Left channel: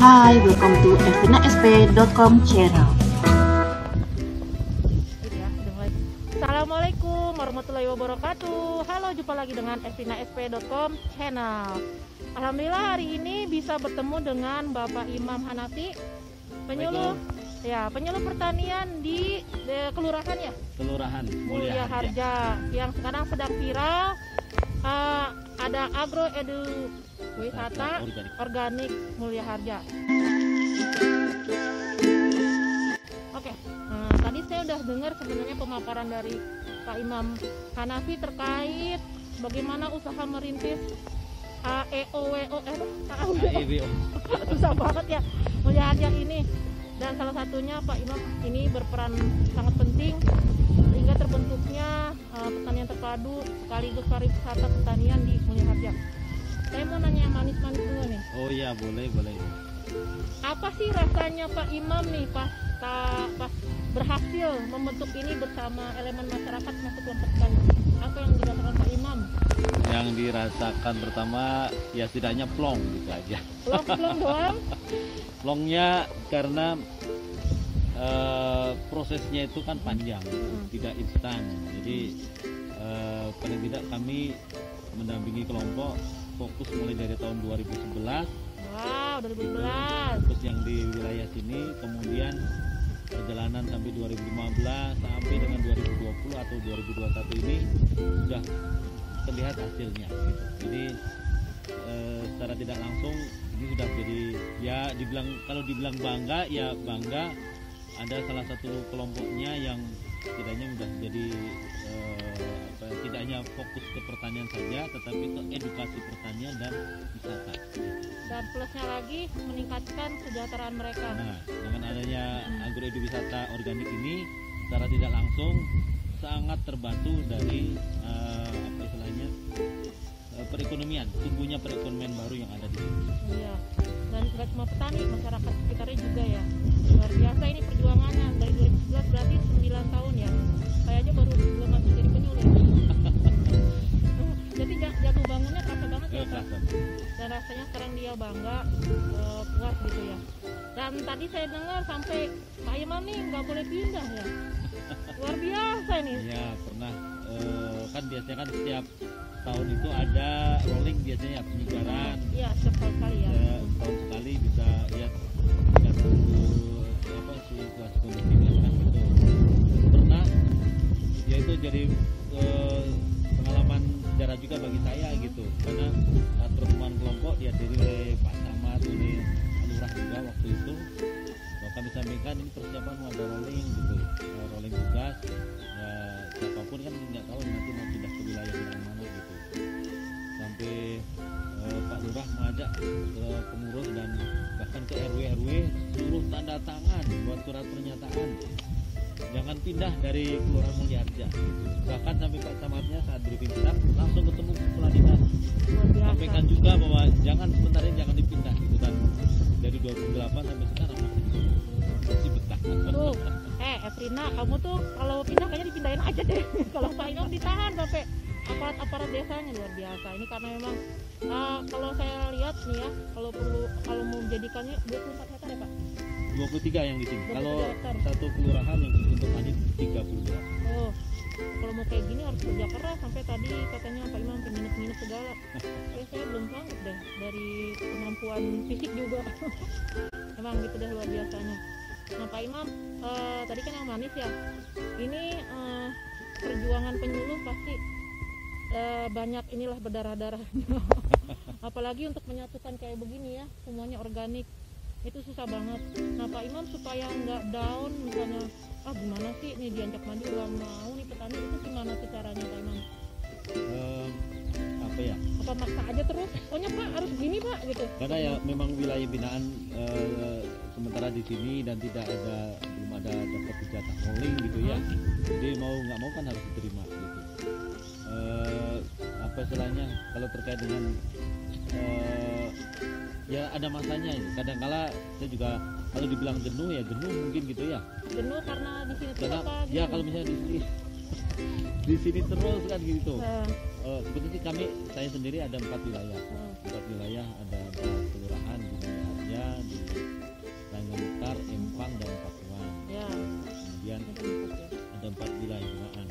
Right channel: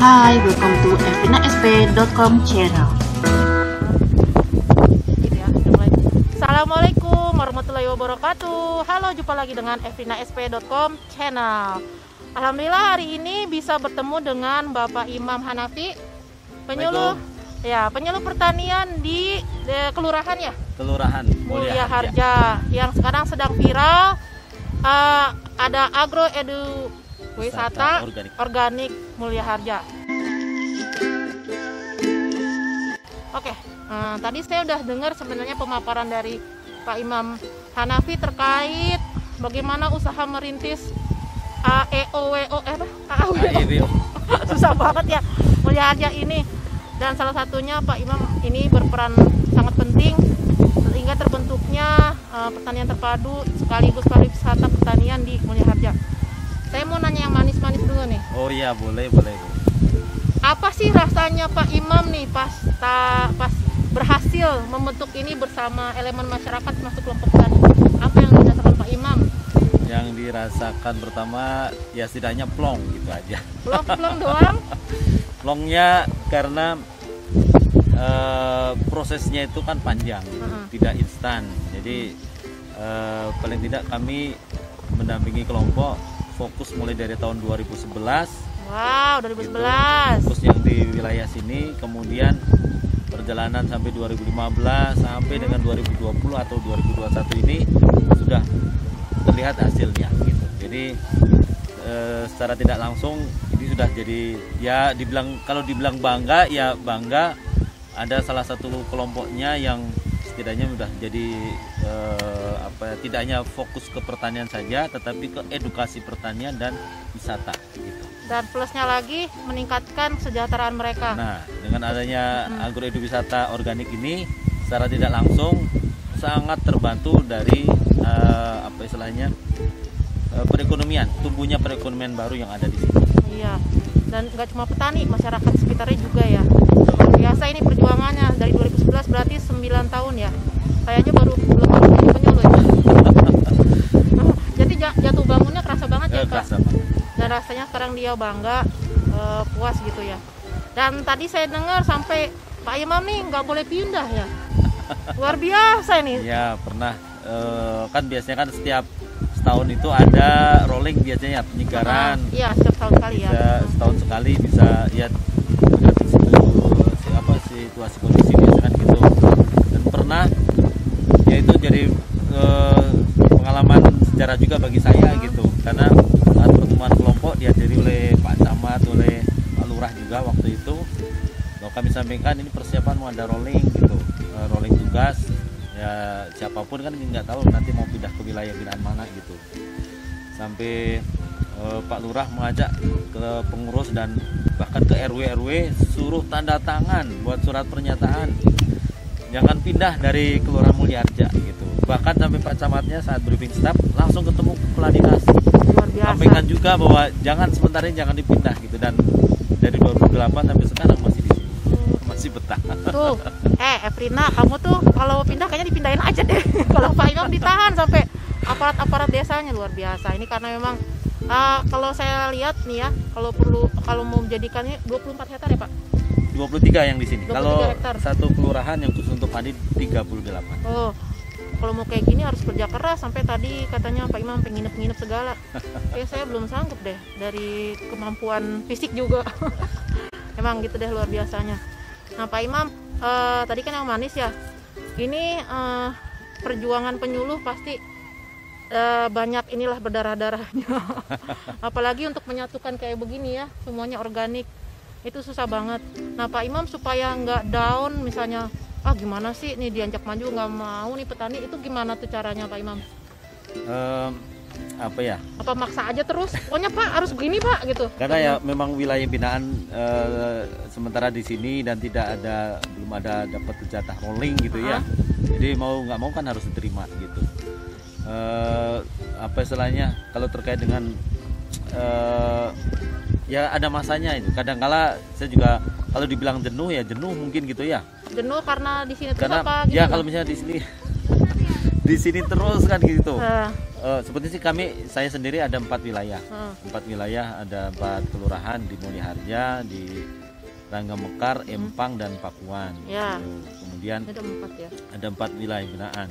Hi, welcome to evinasp.com channel. Assalamualaikum warahmatullahi wabarakatuh. Halo, jumpa lagi dengan evinasp.com channel. Alhamdulillah hari ini bisa bertemu dengan Bapak Imam Hanafi, penyuluh pertanian di kelurahan ya? Kelurahan Mulia Harja yang sekarang sedang viral. Ada agro edu wisata organik Mulia Harja. Oke, tadi saya udah dengar sebenarnya pemaparan dari Pak Imam Hanafi terkait bagaimana usaha merintis AEOWO susah banget ya Mulia Harja ini, dan salah satunya Pak Imam ini berperan sangat penting sehingga terbentuknya pertanian terpadu sekaligus pariwisata pertanian di Mulia Harja. Saya mau nanya yang manis-manis dulu nih. Oh iya, boleh. Apa sih rasanya Pak Imam nih pas berhasil membentuk ini bersama elemen masyarakat masuk kelompok tani? Apa yang dirasakan Pak Imam? Yang dirasakan pertama ya setidaknya plong gitu aja. Plong doang? Plongnya karena prosesnya itu kan panjang, tidak instan. Jadi paling tidak kami mendampingi kelompok fokus mulai dari tahun 2011. Wow, 2011. Fokus yang di wilayah sini, kemudian perjalanan sampai 2015 sampai dengan 2020 atau 2021 ini sudah terlihat hasilnya gitu. Jadi secara tidak langsung ini sudah jadi ya kalau dibilang bangga ya bangga, ada salah satu kelompoknya yang setidaknya sudah jadi tidak hanya fokus ke pertanian saja tetapi ke edukasi pertanian dan wisata gitu. Dan plusnya lagi meningkatkan kesejahteraan mereka. Nah, dengan adanya agroeduwisata organik ini secara tidak langsung sangat terbantu dari perekonomian, tumbuhnya perekonomian baru yang ada di sini. Iya, dan nggak cuma petani, masyarakat sekitarnya juga ya. Luar biasa ini perjuangannya dari 2011 berarti 9 tahun ya. Kayaknya belum jadi penyuluh ya. Jadi jatuh bangunnya kerasa banget ya Pak. Dan rasanya sekarang dia bangga, puas gitu ya. Dan tadi saya dengar sampai Pak Imam nih nggak boleh pindah ya. Luar biasa ini. Ya pernah, kan biasanya kan setiap setahun itu ada rolling biasanya penyegaran. Iya, setiap tahun sekali ya. Setahun sekali bisa ya situasi kondisi biasa kan gitu. Dan pernah ya itu jadi pengalaman sejarah juga bagi saya gitu, karena saat pertemuan kelompok dihadiri oleh Pak Camat, oleh Pak Lurah juga waktu itu, bahwa kami sampaikan ini persiapan mau ada rolling gitu, rolling tugas ya, siapapun kan nggak tahu nanti mau pindah ke wilayah binaan mana gitu. Sampai Pak Lurah mengajak ke pengurus dan bahkan ke RW suruh tanda tangan buat surat pernyataan jangan pindah dari Kelurahan Mulia Harja gitu. Bahkan sampai Pak Camatnya saat briefing staff langsung ketemu kepala dinas, sampaikan juga bahwa sementara ini jangan dipindah gitu, dan dari 2008 sampai sekarang masih betah. Tuh, Evrina, kamu tuh kalau pindah kayaknya dipindahin aja deh. Kalau Pak Imam ditahan sampai aparat desanya, luar biasa. Ini karena memang kalau saya lihat nih ya, kalau mau menjadikannya 24 hektar ya Pak? 23 yang di sini. Kalau hektar. Satu kelurahan yang khusus untuk padi 38. Oh, kalau mau kayak gini harus kerja keras. Sampai tadi katanya Pak Imam pengen nginep segala. Kayak saya belum sanggup deh dari kemampuan fisik juga. Emang gitu deh luar biasanya. Nah Pak Imam, tadi kan yang manis ya. Ini perjuangan penyuluh pasti banyak inilah berdarah-darahnya. Apalagi untuk menyatukan kayak begini ya, semuanya organik. Itu susah banget. Nah Pak Imam supaya nggak down, misalnya gimana sih nih diajak maju nggak mau nih petani, itu gimana tuh caranya Pak Imam? Apa maksa aja terus? Pokoknya Pak harus begini Pak gitu. Karena ya memang wilayah binaan sementara di sini dan belum ada dapat jatah rolling gitu ya. Jadi mau nggak mau kan harus diterima gitu. Kalau terkait dengan ya ada masanya itu. Kadang-kala saya juga kalau dibilang jenuh ya jenuh mungkin gitu ya. Jenuh karena di sini tuh apa ya gimana? kalau misalnya di sini di sini terus kan gitu. Nah, Seperti sih saya sendiri ada 4 wilayah. nah. 4 wilayah, ada 4 kelurahan di Mulia Harja, di Rangga Mekar, Empang dan Pakuan. Ya, Kemudian ada 4 ya. ada 4 wilayah binaan.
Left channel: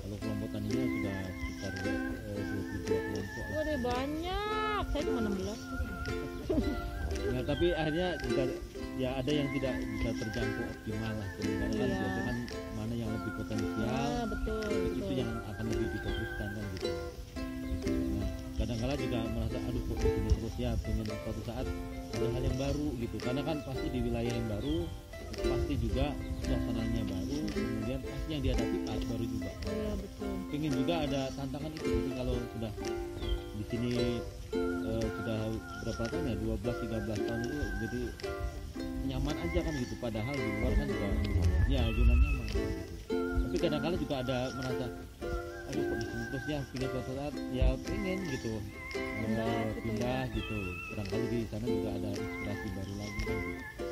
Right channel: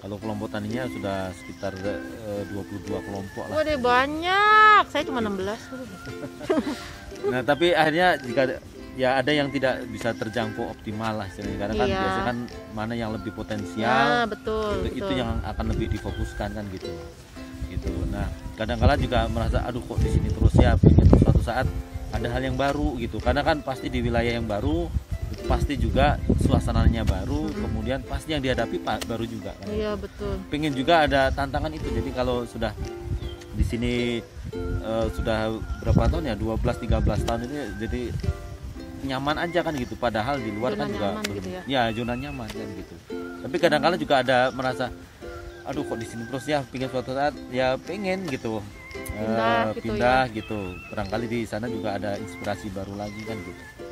Kalau kelompok taninya sudah sekitar 22 kelompok lah. Waduh banyak, saya cuma 16. Nah, tapi akhirnya jika ya ada yang tidak bisa terjangkau optimal lah istilahnya. Karena kan Iya. biasanya kan mana yang lebih potensial, Ya, betul. itu betul. yang akan lebih difokuskan kan gitu. Nah, kadang-kala juga merasa aduh kok di sini terus ya, pengen suatu saat ada hal yang baru gitu. Karena kan pasti di wilayah yang baru pasti juga suasananya baru, kemudian pasti yang dihadapi baru juga. Iya, betul. Pengen juga ada tantangan itu. Jadi kalau sudah di sini sudah berapa tahun ya, 12-13 tahun itu jadi nyaman aja kan gitu, padahal di luar Zona kan juga nyaman gitu ya. zona nyaman kan gitu. Tapi kadang-kala juga ada merasa aduh kok di sini terus ya, pengen suatu saat ya pengen gitu Pindah gitu gitu. Barangkali di sana juga ada inspirasi baru lagi kan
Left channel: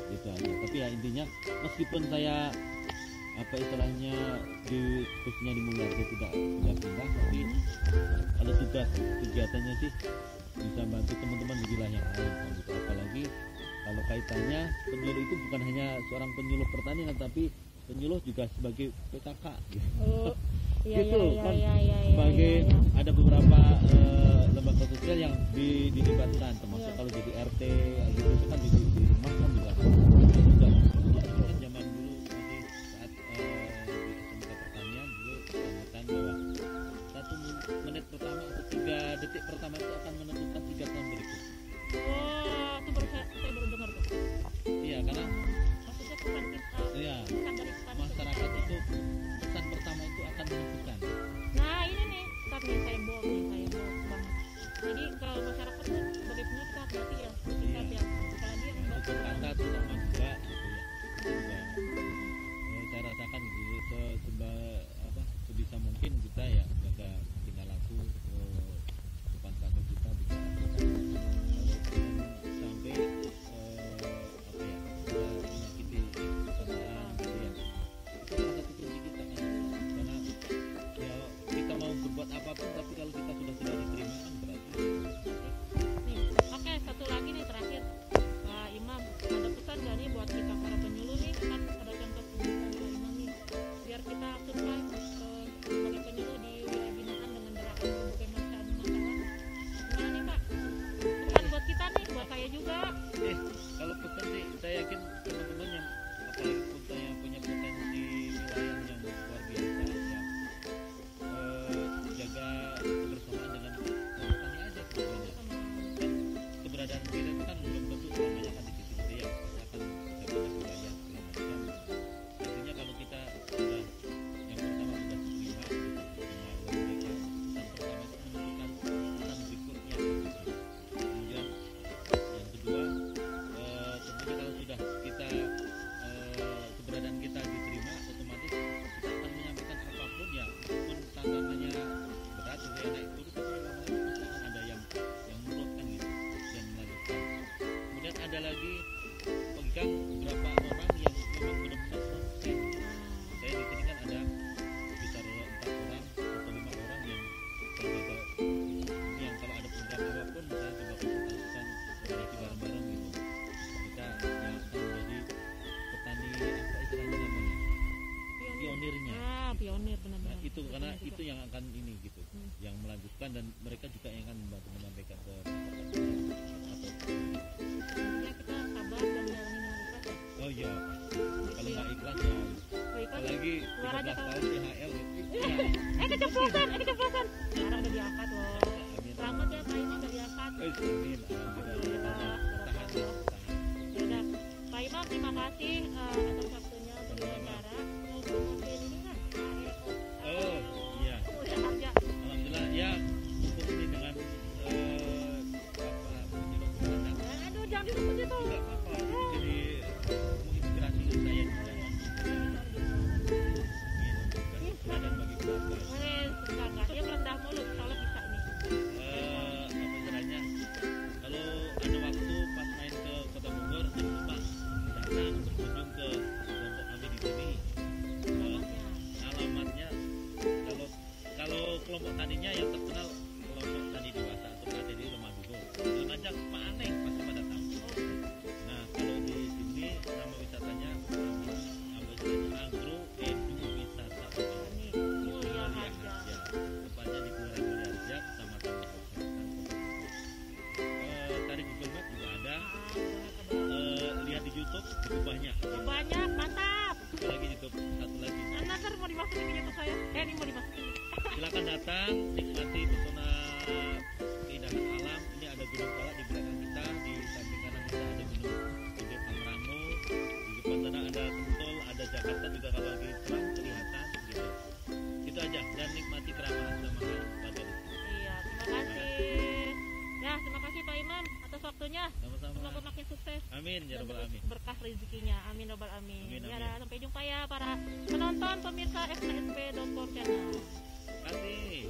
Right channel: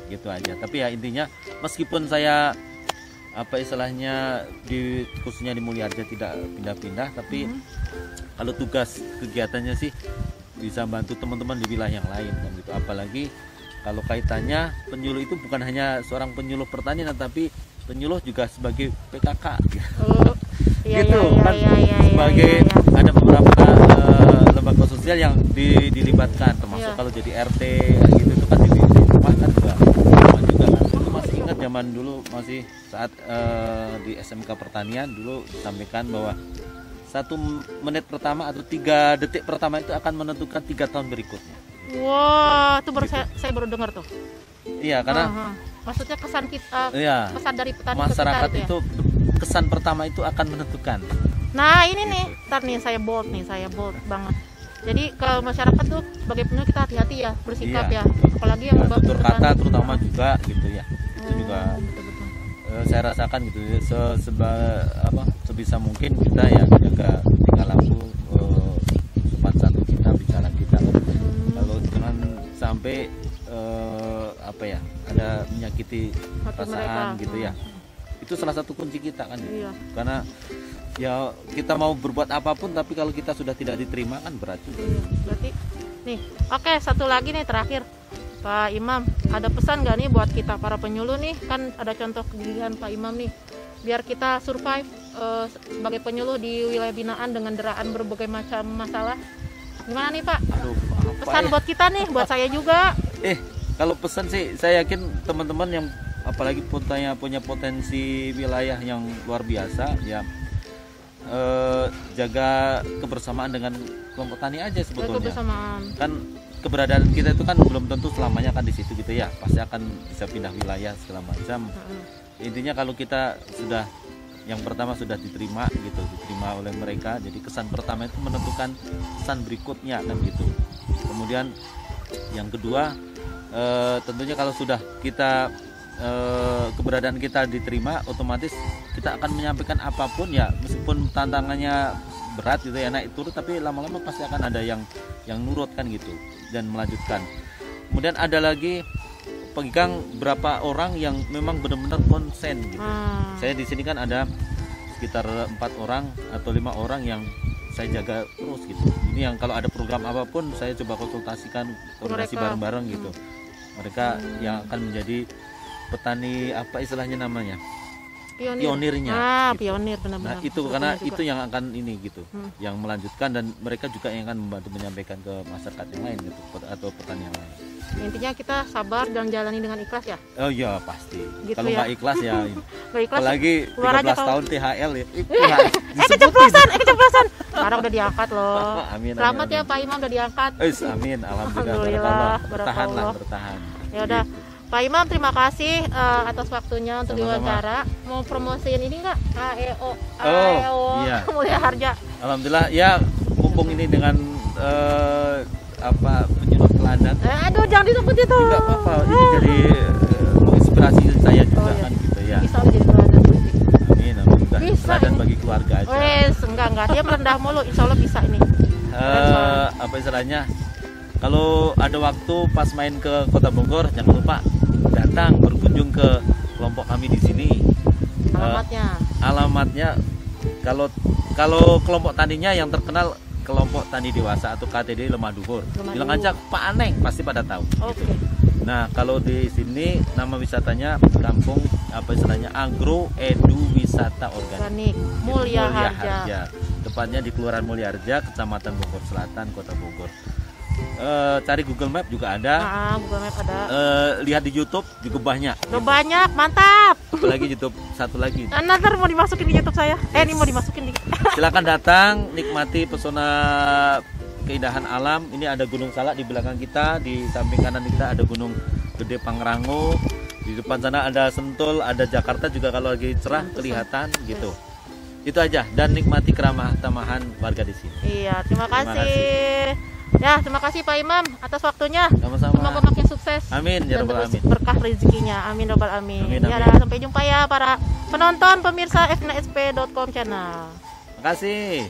gitu aja. Tapi ya intinya meskipun saya apa istilahnya khususnya di Mulia Harja tidak pindah-pindah, tapi kalau tugas kegiatannya sih bisa bantu teman-teman di wilayah yang lain kan gitu. Apalagi kalau kaitannya penyuluh itu bukan hanya seorang penyuluh pertanian, tapi penyuluh juga sebagai PKK Oh, iya, gitu iya, kan, iya, iya, sebagai iya, iya. ada beberapa lembaga sosial yang dilibatkan, termasuk Iya. kalau jadi RT gitu itu kan di rumah kan juga kan. Itu masih ingat zaman dulu masih saat di SMK Pertanian dulu sampaikan bahwa 1 menit pertama atau 3 detik pertama itu akan menentukan 3 tahun berikutnya. Wah, itu baru saya baru dengar tuh. Iya, karena Aha. Maksudnya kesan kita, iya, kesan dari petani masyarakat ke kita itu kesan pertama itu akan menentukan. Nah, ini nih, ntar nih saya bold banget. Jadi kalau masyarakat tuh sebagai penyuluh kita hati-hati ya bersikap Iya. ya, apalagi yang Tutur kata petani. terutama juga gitu ya. Itu juga Betul-betul. saya rasakan gitu ya, sebisa mungkin kita ya jaga tingkah laku, sopan santun kita, bicara kita. Kalau jangan sampai apa ya, ada menyakiti Hati perasaan mereka. gitu ya. Itu salah satu kunci kita kan. Iya. Karena ya kita mau berbuat apapun tapi kalau kita sudah tidak diterima kan berat juga. Berarti nih, oke, satu lagi nih terakhir. Pak Imam, ada pesan nggak nih buat kita para penyuluh nih? Kan ada contoh kegigihan Pak Imam nih. Biar kita survive sebagai penyuluh di wilayah binaan dengan deraan berbagai macam masalah. Gimana nih Pak? Aduh, apa Pesan ya? buat kita nih, buat saya juga. Kalau pesan sih saya yakin teman-teman yang apalagi punya potensi wilayah yang luar biasa ya, jaga kebersamaan dengan kelompok tani aja sebetulnya. Kebersamaan. Kan keberadaan kita itu kan belum tentu selamanya kan di situ gitu ya, pasti akan bisa pindah wilayah segala macam. Intinya kalau kita sudah yang pertama sudah diterima oleh mereka, jadi kesan pertama itu menentukan kesan berikutnya kan gitu. Kemudian yang kedua tentunya kalau sudah kita keberadaan kita diterima, otomatis kita akan menyampaikan apapun ya, meskipun tantangannya berat gitu ya, naik turun, tapi lama-lama pasti akan ada yang nurut kan gitu dan melanjutkan. Kemudian ada lagi pegang berapa orang yang memang benar-benar konsen gitu. Saya di sini kan ada sekitar 4 orang atau 5 orang yang saya jaga terus gitu. Ini yang kalau ada program apapun saya coba konsultasikan, koordinasi Mereka. bareng-bareng gitu. Mereka yang akan menjadi petani apa istilahnya namanya, pionirnya. Pionir Nah benar-benar. itu Betul karena juga. itu yang akan ini gitu, yang melanjutkan, dan mereka juga yang akan membantu menyampaikan ke masyarakat yang lain gitu, atau petani yang lain. Intinya kita sabar dan jalani dengan ikhlas ya. Oh iya pasti. Gitu Kalau ya. nggak ikhlas ya, Gak ikhlas. apalagi keluar aja 13 kalau- tahun THL ya. keceplosan. Sekarang udah diangkat loh. Amin, Selamat amin, ya Pak Imam udah diangkat. Amin, alhamdulillah. Alhamdulillah, Bertahan lah, barakallah. bertahan. Ya udah. Pak Imam terima kasih atas waktunya untuk Sama-sama. diwawancara. Mau promosiin ini nggak? AEO. Oh, iya. Mulia Harja. Alhamdulillah ya, mumpung ini dengan penyuluh teladan. Aduh jangan disebut itu. Enggak apa-apa, ini jadi inspirasi saya juga Oh, iya. kan gitu ya. Bisa menjadi teladan. Amin, alhamdulillah. Bisa Teladan ini. bagi keluarga aja. Wes, enggak dia merendah mulu. Insya Allah bisa ini. Apa istilahnya, kalau ada waktu pas main ke Kota Bogor jangan lupa datang berkunjung ke kelompok kami di sini. Alamatnya. Alamatnya Kalau kalau kelompok taninya yang terkenal kelompok tani dewasa atau KTD Lemah Dhuwur. Bilang aja Pak Aneng pasti pada tahu. Oke. Nah, kalau di sini nama wisatanya kampung apa istilahnya Agro Edu Wisata Organik Organik Mulia Harja. Tepatnya di Kelurahan Mulia Harja, Kecamatan Bogor Selatan, Kota Bogor. Cari Google Map juga ada. Google Map ada. Lihat di YouTube juga banyak. Udah banyak, mantap. Apalagi YouTube satu lagi. Nanti mau dimasukin di YouTube saya. Ini mau dimasukin di. Silakan datang, nikmati pesona keindahan alam. Ini ada Gunung Salak di belakang kita, di samping kanan kita ada Gunung Gede Pangrango. Di depan sana ada Sentul, ada Jakarta juga kalau lagi cerah kelihatan gitu. Itu aja, dan nikmati keramah tamahan warga di sini. Iya, terima kasih. Ya, terima kasih Pak Imam atas waktunya. Sama-sama. Semoga makin sukses. Amin ya Dan rabbal terus alamin. berkah rezekinya. Amin robbal amin. Amin, Ya, amin. sampai jumpa ya para penonton pemirsa fnsp.com channel. Terima kasih.